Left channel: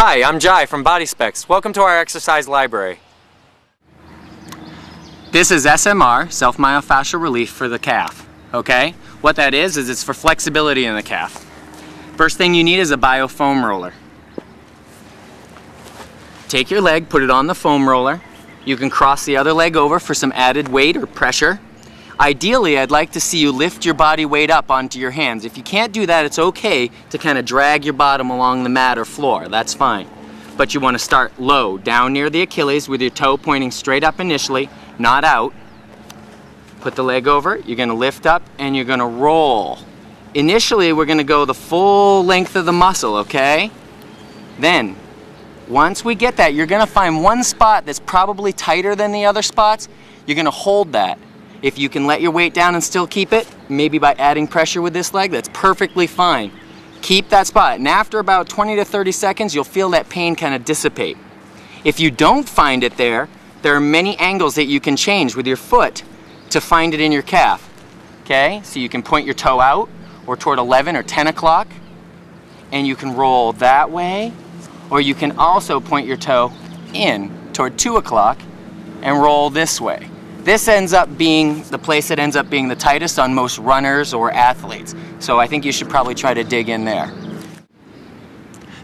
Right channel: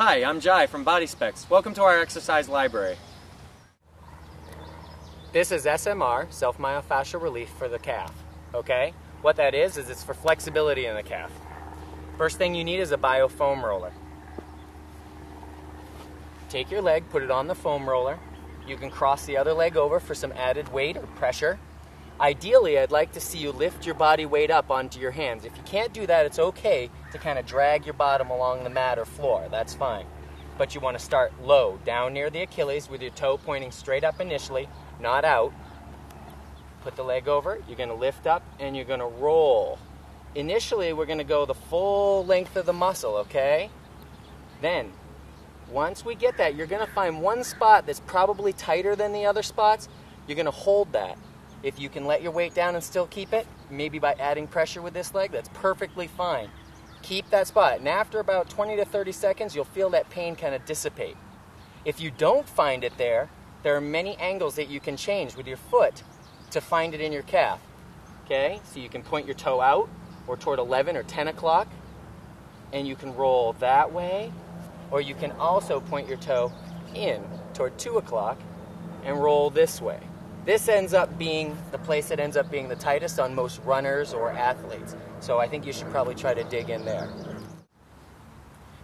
Hi, I'm Jai from BodySpex. Welcome to our exercise library. This is SMR, self-myofascial relief for the calf. Okay? What that is it's for flexibility in the calf. First thing you need is a biofoam roller. Take your leg, put it on the foam roller. You can cross the other leg over for some added weight or pressure. Ideally, I'd like to see you lift your body weight up onto your hands. If you can't do that, it's okay to kind of drag your bottom along the mat or floor. That's fine. But you want to start low, down near the Achilles with your toe pointing straight up initially, not out. Put the leg over, you're going to lift up and you're going to roll. Initially, we're going to go the full length of the muscle, okay? Then, once we get that, you're going to find one spot that's probably tighter than the other spots. You're going to hold that. If you can let your weight down and still keep it, maybe by adding pressure with this leg, that's perfectly fine. Keep that spot, and after about 20 to 30 seconds, you'll feel that pain kind of dissipate. If you don't find it there are many angles that you can change with your foot to find it in your calf. Okay, so you can point your toe out or toward 11 or 10 o'clock, and you can roll that way, or you can also point your toe in toward 2 o'clock and roll this way. This ends up being the place that ends up being the tightest on most runners or athletes. So I think you should probably try to dig in there.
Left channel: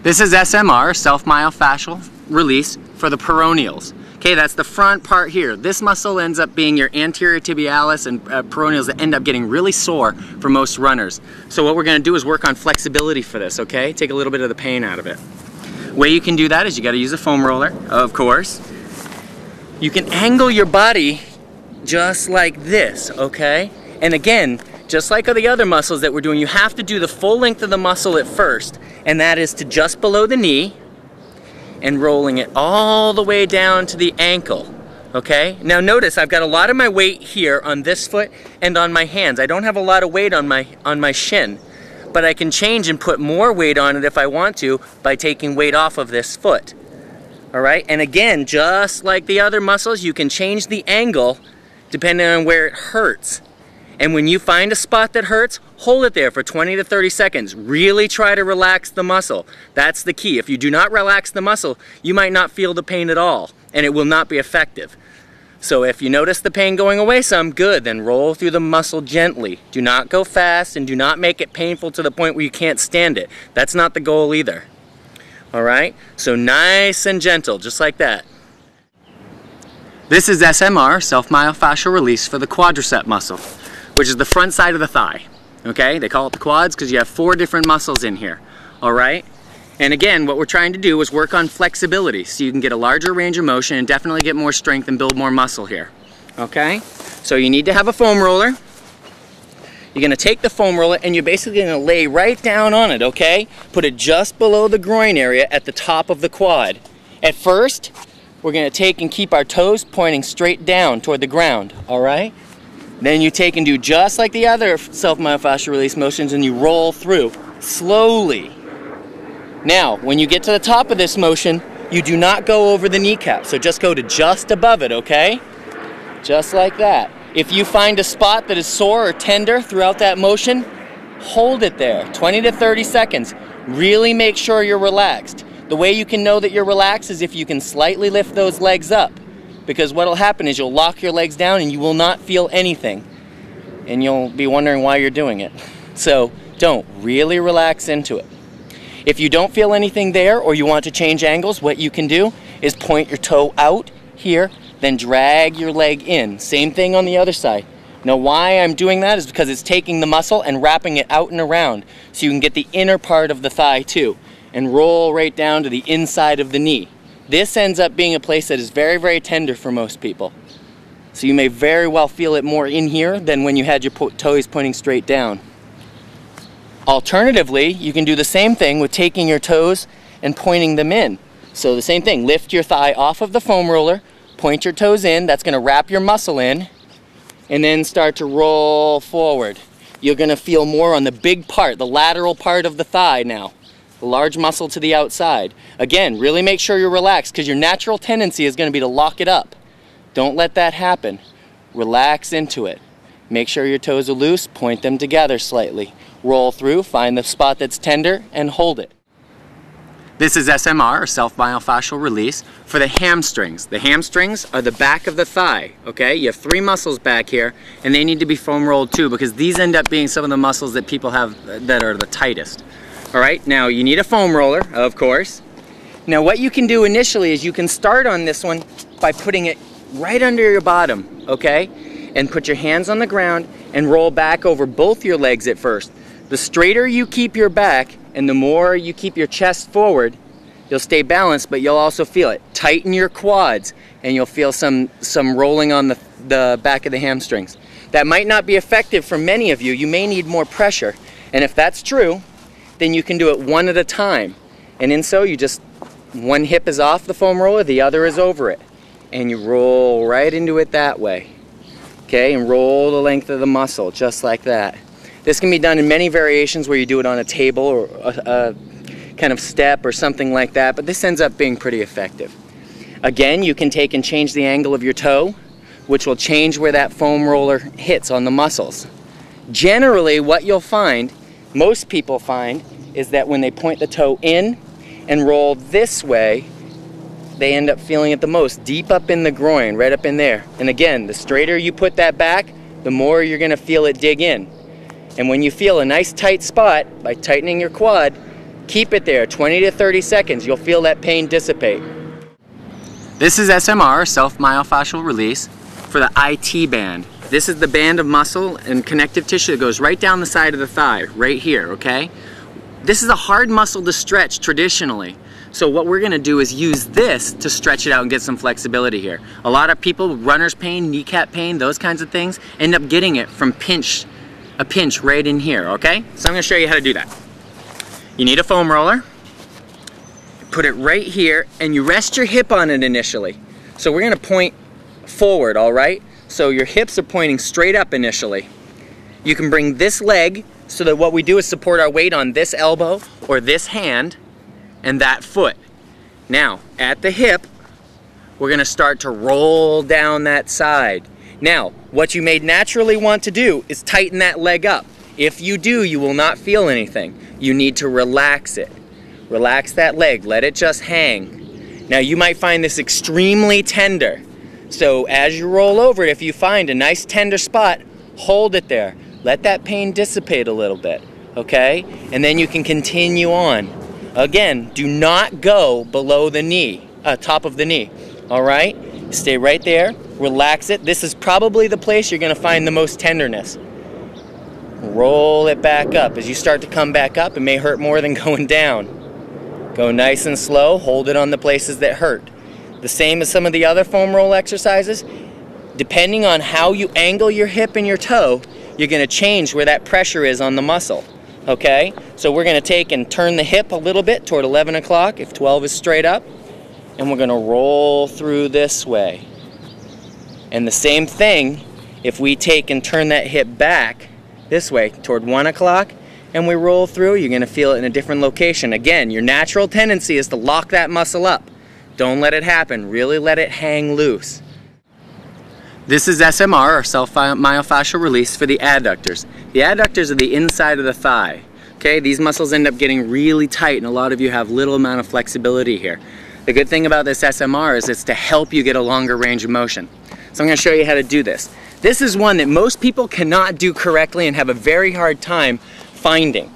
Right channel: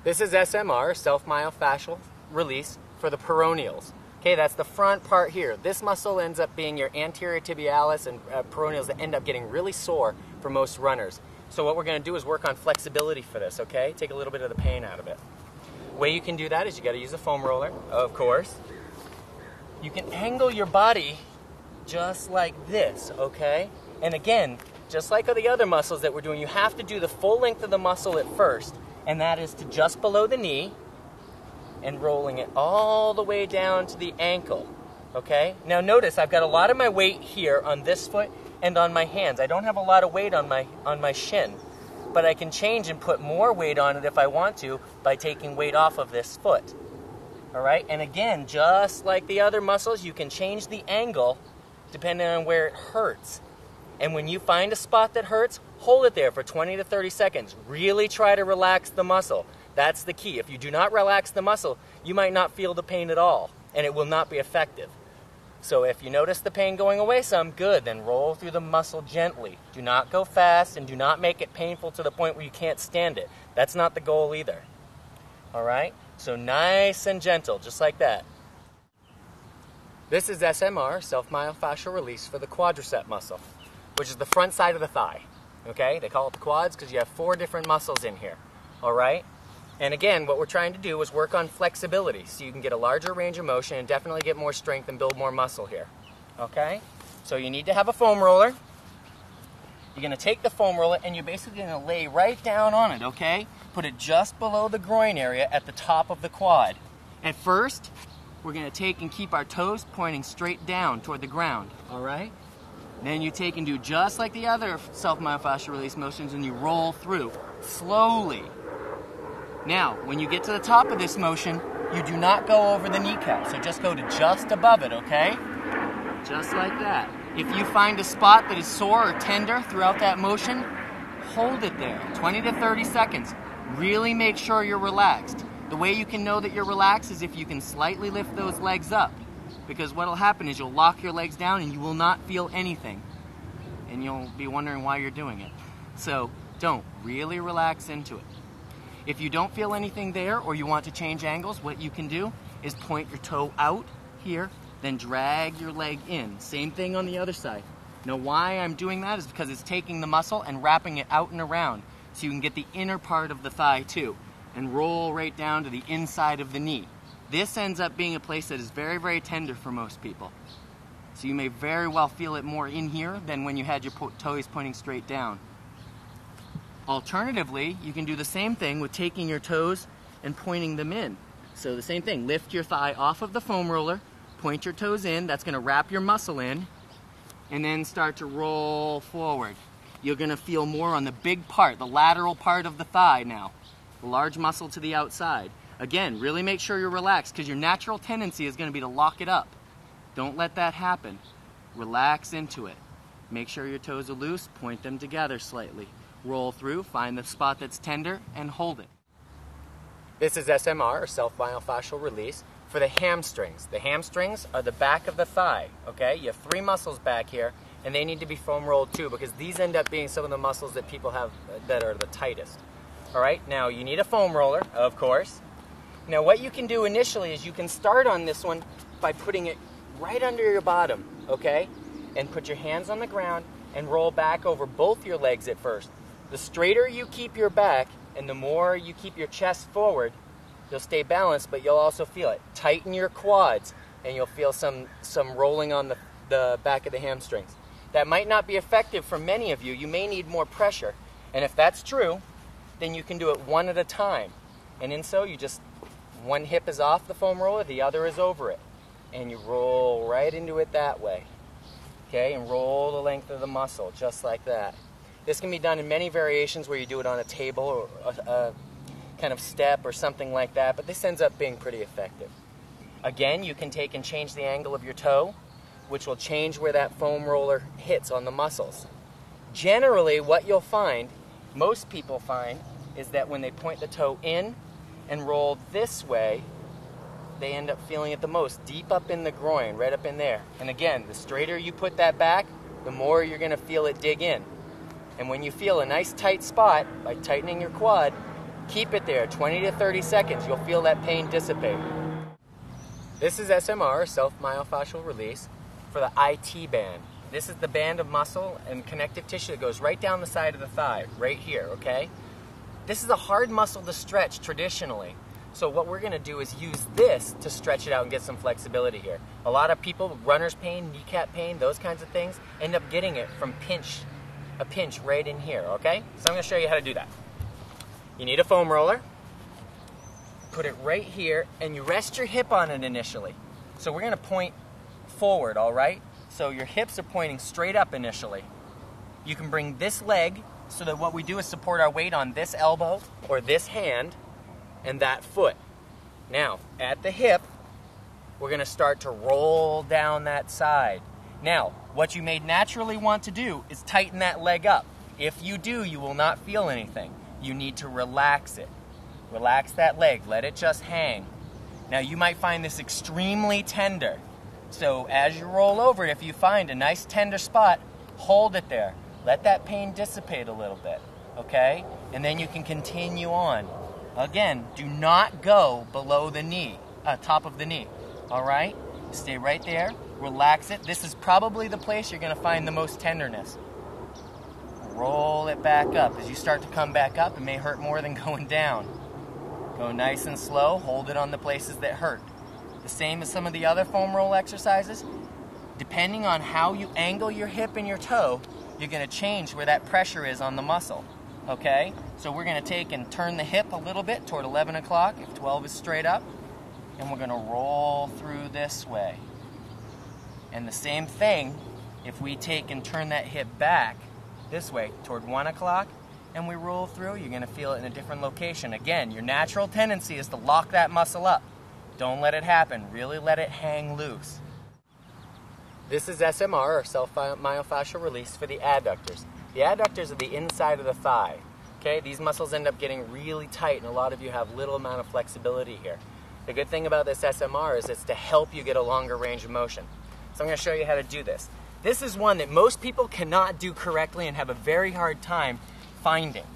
This is SMR, self-myofascial release for the peroneals. Okay, that's the front part here. This muscle ends up being your anterior tibialis and peroneals that end up getting really sore for most runners. So what we're going to do is work on flexibility for this, okay? Take a little bit of the pain out of it. The way you can do that is you got to use a foam roller, of course. You can angle your body just like this, okay? And again, just like the other muscles that we're doing, you have to do the full length of the muscle at first, and that is to just below the knee and rolling it all the way down to the ankle, okay? Now notice I've got a lot of my weight here on this foot and on my hands. I don't have a lot of weight on my shin, but I can change and put more weight on it if I want to by taking weight off of this foot. All right, and again, just like the other muscles, you can change the angle depending on where it hurts. And when you find a spot that hurts, hold it there for 20 to 30 seconds. Really try to relax the muscle. That's the key. If you do not relax the muscle, you might not feel the pain at all, and it will not be effective. So if you notice the pain going away some, good, then roll through the muscle gently. Do not go fast, and do not make it painful to the point where you can't stand it. That's not the goal either. All right? So nice and gentle, just like that. This is SMR, self-myofascial release for the quadricep muscle, which is the front side of the thigh. Okay? They call it the quads because you have 4 different muscles in here. All right? And again, what we're trying to do is work on flexibility so you can get a larger range of motion and definitely get more strength and build more muscle here. Okay? So you need to have a foam roller. You're going to take the foam roller and you're basically going to lay right down on it, okay? Put it just below the groin area at the top of the quad. At first, we're going to take and keep our toes pointing straight down toward the ground, all right? Then you take and do just like the other self-myofascial release motions and you roll through slowly. Now, when you get to the top of this motion, you do not go over the kneecap, so just go to just above it, okay? Just like that. If you find a spot that is sore or tender throughout that motion, hold it there, 20 to 30 seconds. Really make sure you're relaxed. The way you can know that you're relaxed is if you can slightly lift those legs up, because what will happen is you'll lock your legs down and you will not feel anything, and you'll be wondering why you're doing it. So don't, really relax into it. If you don't feel anything there or you want to change angles, what you can do is point your toe out here, then drag your leg in. Same thing on the other side. Now why I'm doing that is because it's taking the muscle and wrapping it out and around so you can get the inner part of the thigh too, and roll right down to the inside of the knee. This ends up being a place that is very, very tender for most people. So you may very well feel it more in here than when you had your toes pointing straight down. Alternatively, you can do the same thing with taking your toes and pointing them in. So the same thing, lift your thigh off of the foam roller, point your toes in, that's going to wrap your muscle in, and then start to roll forward. You're going to feel more on the big part, the lateral part of the thigh now. The large muscle to the outside. Again, really make sure you're relaxed because your natural tendency is going to be to lock it up. Don't let that happen. Relax into it. Make sure your toes are loose, point them together slightly. Roll through, find the spot that's tender, and hold it. This is SMR, or self-myofascial release, for the hamstrings. The hamstrings are the back of the thigh, okay? You have 3 muscles back here, and they need to be foam rolled too, because these end up being some of the muscles that people have that are the tightest. All right, now you need a foam roller, of course. Now what you can do initially is you can start on this one by putting it right under your bottom, okay? And put your hands on the ground and roll back over both your legs at first. The straighter you keep your back and the more you keep your chest forward, you'll stay balanced, but you'll also feel it. Tighten your quads and you'll feel some rolling on the back of the hamstrings. That might not be effective for many of you. You may need more pressure. And if that's true, then you can do it one at a time. And in so, you just, one hip is off the foam roller, the other is over it. And you roll right into it that way. Okay, and roll the length of the muscle, just like that. This can be done in many variations where you do it on a table or a kind of step or something like that, but this ends up being pretty effective. Again, you can take and change the angle of your toe, which will change where that foam roller hits on the muscles. Generally, what you'll find, most people find, is that when they point the toe in and roll this way, they end up feeling it the most, deep up in the groin, right up in there. And again, the straighter you put that back, the more you're gonna feel it dig in. And when you feel a nice tight spot, by tightening your quad, keep it there 20 to 30 seconds. You'll feel that pain dissipate. This is SMR, self-myofascial release, for the IT band. This is the band of muscle and connective tissue that goes right down the side of the thigh, right here, okay? This is a hard muscle to stretch traditionally. So what we're gonna do is use this to stretch it out and get some flexibility here. A lot of people, runner's pain, kneecap pain, those kinds of things, end up getting it from a pinch right in here, okay? So I'm gonna show you how to do that. You need a foam roller. Put it right here, and you rest your hip on it initially. So we're gonna point forward, all right? So your hips are pointing straight up initially. You can bring this leg so that what we do is support our weight on this elbow or this hand and that foot. Now, at the hip, we're gonna start to roll down that side. Now, what you may naturally want to do is tighten that leg up. If you do, you will not feel anything. You need to relax it. Relax that leg, let it just hang. Now, you might find this extremely tender. So as you roll over it, if you find a nice tender spot, hold it there. Let that pain dissipate a little bit, okay? And then you can continue on. Again, do not go below the knee, top of the knee, all right? Stay right there, relax it. This is probably the place you're gonna find the most tenderness. Roll it back up. As you start to come back up, it may hurt more than going down. Go nice and slow, hold it on the places that hurt. The same as some of the other foam roll exercises, depending on how you angle your hip and your toe, you're gonna change where that pressure is on the muscle, okay? So we're gonna take and turn the hip a little bit toward 11 o'clock, if 12 is straight up, and we're gonna roll through this way. And the same thing, if we take and turn that hip back this way toward 1 o'clock, and we roll through, you're gonna feel it in a different location. Again, your natural tendency is to lock that muscle up. Don't let it happen, really let it hang loose. This is SMR, or self-myofascial release, for the adductors. The adductors are the inside of the thigh. Okay, these muscles end up getting really tight, and a lot of you have little amount of flexibility here. The good thing about this SMR is it's to help you get a longer range of motion. So I'm gonna show you how to do this. This is one that most people cannot do correctly and have a very hard time finding.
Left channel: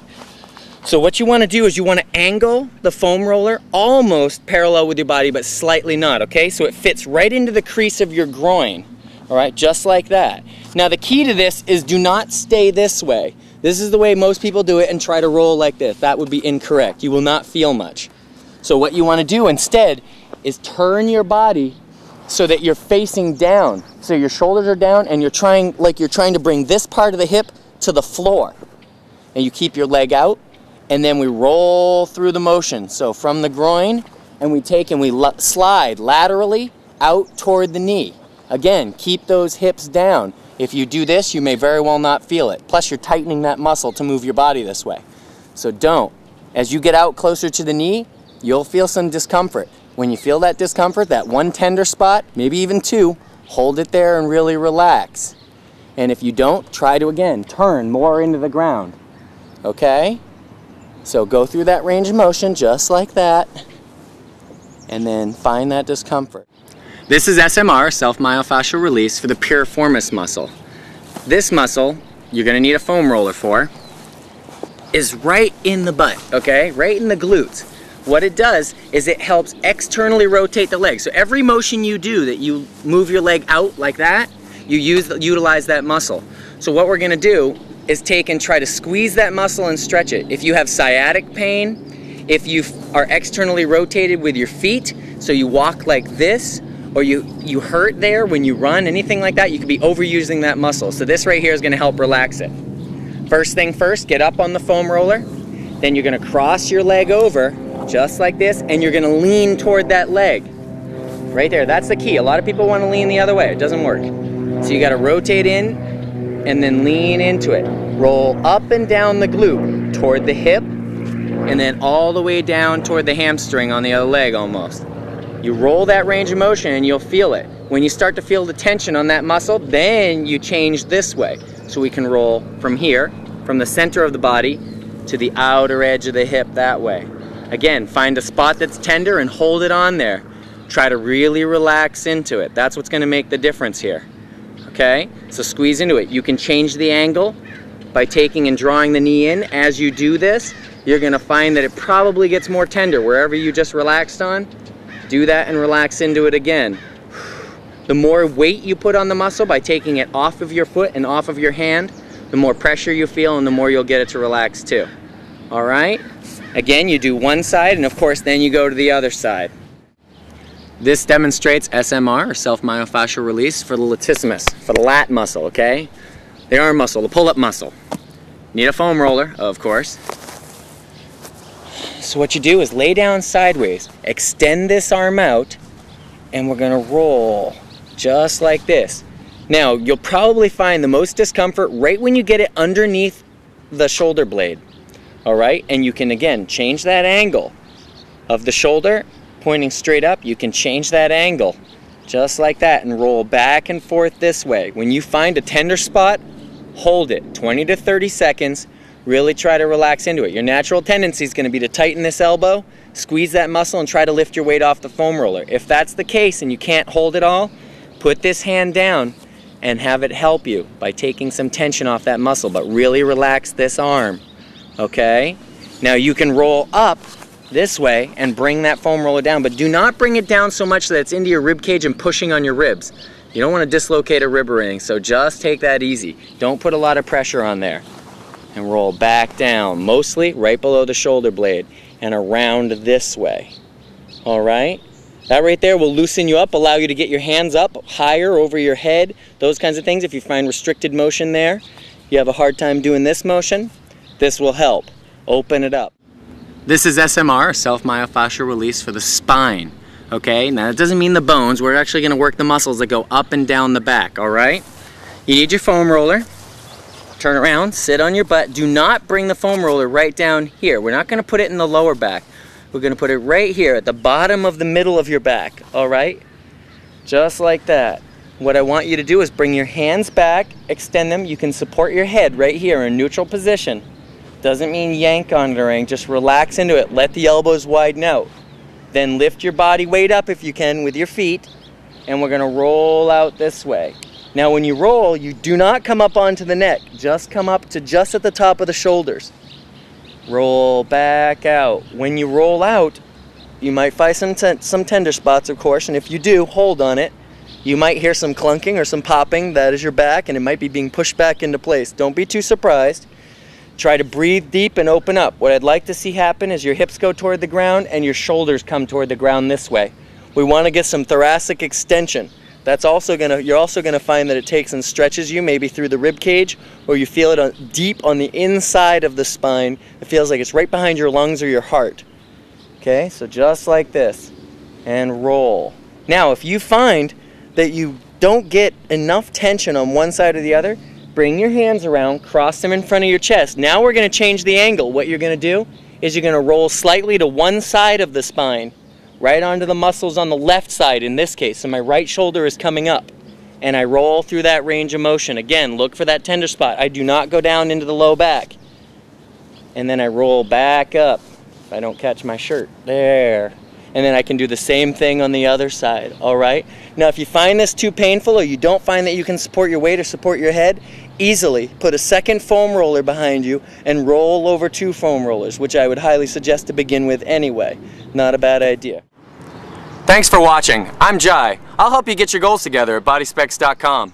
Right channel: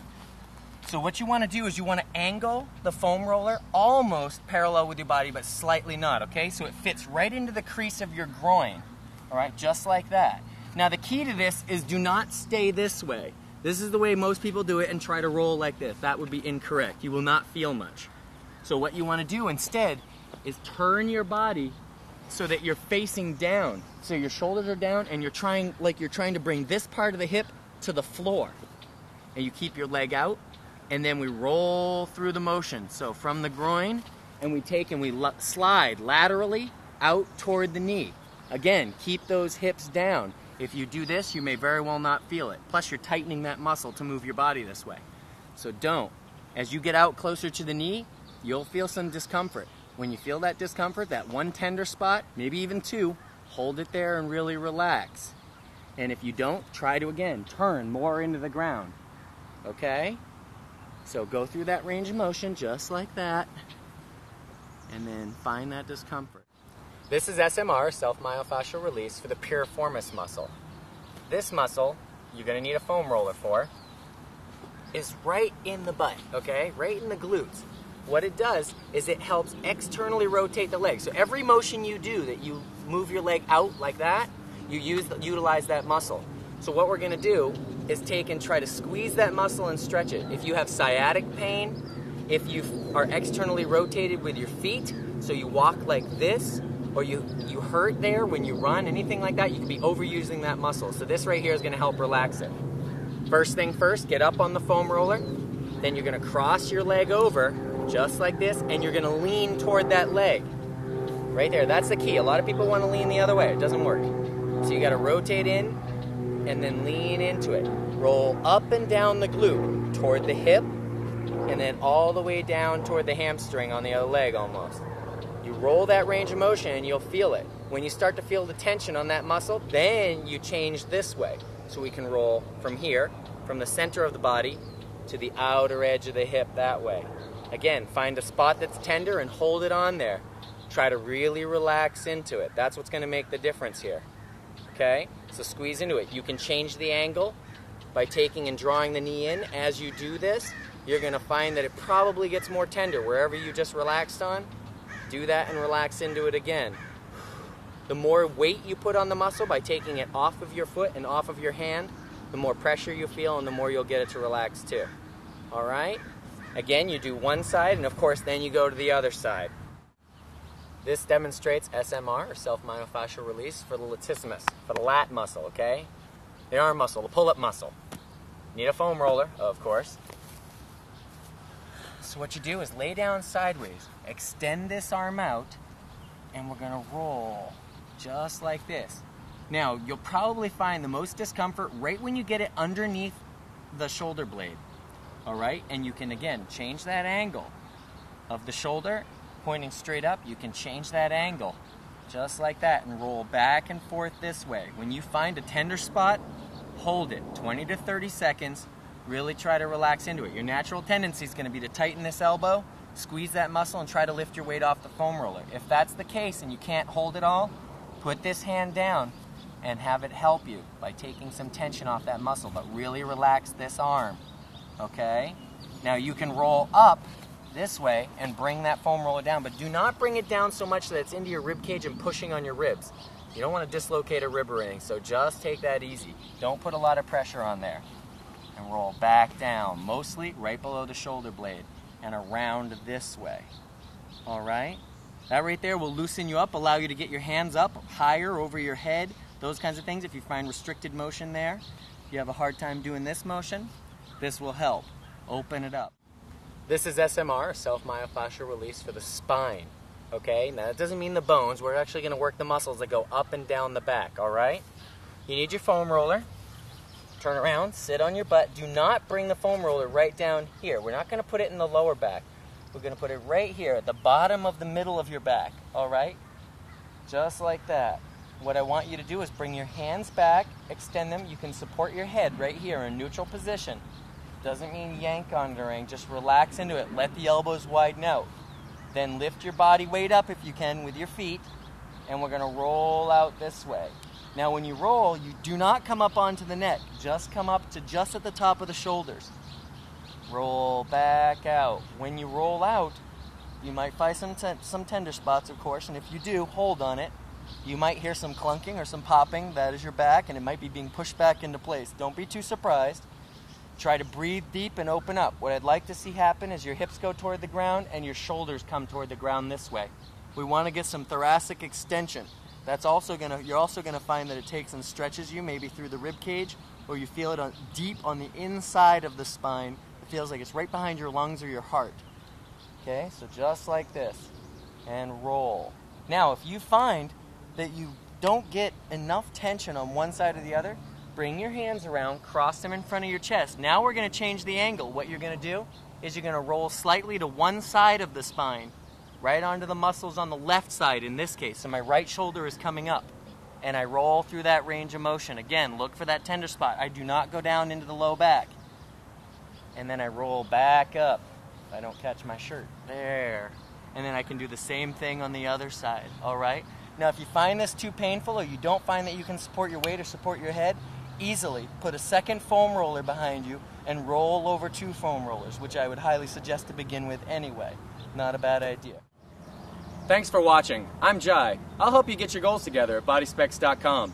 So what you want to do is you want to angle the foam roller almost parallel with your body, but slightly not, okay? So it fits right into the crease of your groin, all right, just like that. Now the key to this is do not stay this way. This is the way most people do it and try to roll like this. That would be incorrect. You will not feel much. So what you want to do instead is turn your body so that you're facing down. So your shoulders are down and you're trying to bring this part of the hip to the floor. And you keep your leg out, and then we roll through the motion. So from the groin, and we take and we slide laterally out toward the knee. Again, keep those hips down. If you do this, you may very well not feel it. Plus, you're tightening that muscle to move your body this way. So don't. As you get out closer to the knee, you'll feel some discomfort. When you feel that discomfort, that one tender spot, maybe even two, hold it there and really relax. And if you don't, try to again turn more into the ground. Okay? So go through that range of motion just like that, and then find that discomfort. This is SMR, self-myofascial release, for the piriformis muscle. This muscle, you're gonna need a foam roller for, is right in the butt, okay? Right in the glutes. What it does is it helps externally rotate the leg. So every motion you do that you move your leg out like that, you utilize that muscle. So what we're gonna do is take and try to squeeze that muscle and stretch it. If you have sciatic pain, if you are externally rotated with your feet, so you walk like this, or you hurt there when you run, anything like that, you could be overusing that muscle. So this right here is gonna help relax it. First thing first, get up on the foam roller, then you're gonna cross your leg over, just like this, and you're gonna lean toward that leg. Right there, that's the key. A lot of people wanna lean the other way, it doesn't work. So you gotta rotate in, and then lean into it. Roll up and down the glute, toward the hip, and then all the way down toward the hamstring on the other leg almost. You roll that range of motion and you'll feel it. When you start to feel the tension on that muscle, then you change this way. So we can roll from here, from the center of the body, to the outer edge of the hip that way. Again, find a spot that's tender and hold it on there. Try to really relax into it. That's what's gonna make the difference here. Okay, so squeeze into it. You can change the angle by taking and drawing the knee in. As you do this, you're gonna find that it probably gets more tender. Wherever you just relaxed on, do that and relax into it again. The more weight you put on the muscle by taking it off of your foot and off of your hand, the more pressure you feel and the more you'll get it to relax too. All right? Again, you do one side and of course then you go to the other side. This demonstrates SMR, or self-myofascial release, for the latissimus, for the lat muscle, okay? The arm muscle, the pull-up muscle. Need a foam roller, of course. So what you do is lay down sideways, extend this arm out, and we're gonna roll just like this. Now, you'll probably find the most discomfort right when you get it underneath the shoulder blade, all right? And you can, again, change that angle of the shoulder pointing straight up. You can change that angle just like that and roll back and forth this way. When you find a tender spot, hold it 20 to 30 seconds. Really try to relax into it. Your natural tendency is going to be to tighten this elbow, squeeze that muscle, and try to lift your weight off the foam roller. If that's the case and you can't hold it all, put this hand down and have it help you by taking some tension off that muscle, but really relax this arm, okay? Now you can roll up this way and bring that foam roller down, but do not bring it down so much that it's into your rib cage and pushing on your ribs. You don't want to dislocate a rib or anything, so just take that easy. Don't put a lot of pressure on there. And roll back down, mostly right below the shoulder blade, and around this way. All right? That right there will loosen you up, allow you to get your hands up higher over your head, those kinds of things. If you find restricted motion there, you have a hard time doing this motion, this will help. Open it up. This is SMR, self-myofascial release, for the spine. Okay? Now, that doesn't mean the bones. We're actually going to work the muscles that go up and down the back. All right? You need your foam roller. Turn around, sit on your butt. Do not bring the foam roller right down here. We're not going to put it in the lower back. We're going to put it right here at the bottom of the middle of your back, all right? Just like that. What I want you to do is bring your hands back, extend them. You can support your head right here in neutral position. Doesn't mean yank on it or anything. Just relax into it. Let the elbows widen out. Then lift your body weight up if you can with your feet, and we're going to roll out this way. Now when you roll, you do not come up onto the neck. Just come up to just at the top of the shoulders. Roll back out. When you roll out, you might find some tender spots, of course, and if you do, hold on it. You might hear some clunking or some popping. That is your back, and it might be being pushed back into place. Don't be too surprised. Try to breathe deep and open up. What I'd like to see happen is your hips go toward the ground and your shoulders come toward the ground this way. We want to get some thoracic extension. That's also you're also gonna find that it takes and stretches you, maybe through the rib cage, or you feel it deep on the inside of the spine. It feels like it's right behind your lungs or your heart. Okay, so just like this, and roll. Now, if you find that you don't get enough tension on one side or the other, bring your hands around, cross them in front of your chest. Now we're gonna change the angle. What you're gonna do is you're gonna roll slightly to one side of the spine, right onto the muscles on the left side in this case. So my right shoulder is coming up. And I roll through that range of motion. Again, look for that tender spot. I do not go down into the low back. and then I roll back up. If I don't catch my shirt, there. And then I can do the same thing on the other side, all right? Now, if you find this too painful or you don't find that you can support your weight or support your head, easily put a second foam roller behind you and roll over 2 foam rollers, which I would highly suggest to begin with anyway. Not a bad idea. Thanks for watching. I'm Jai. I'll help you get your goals together at BodySpex.com.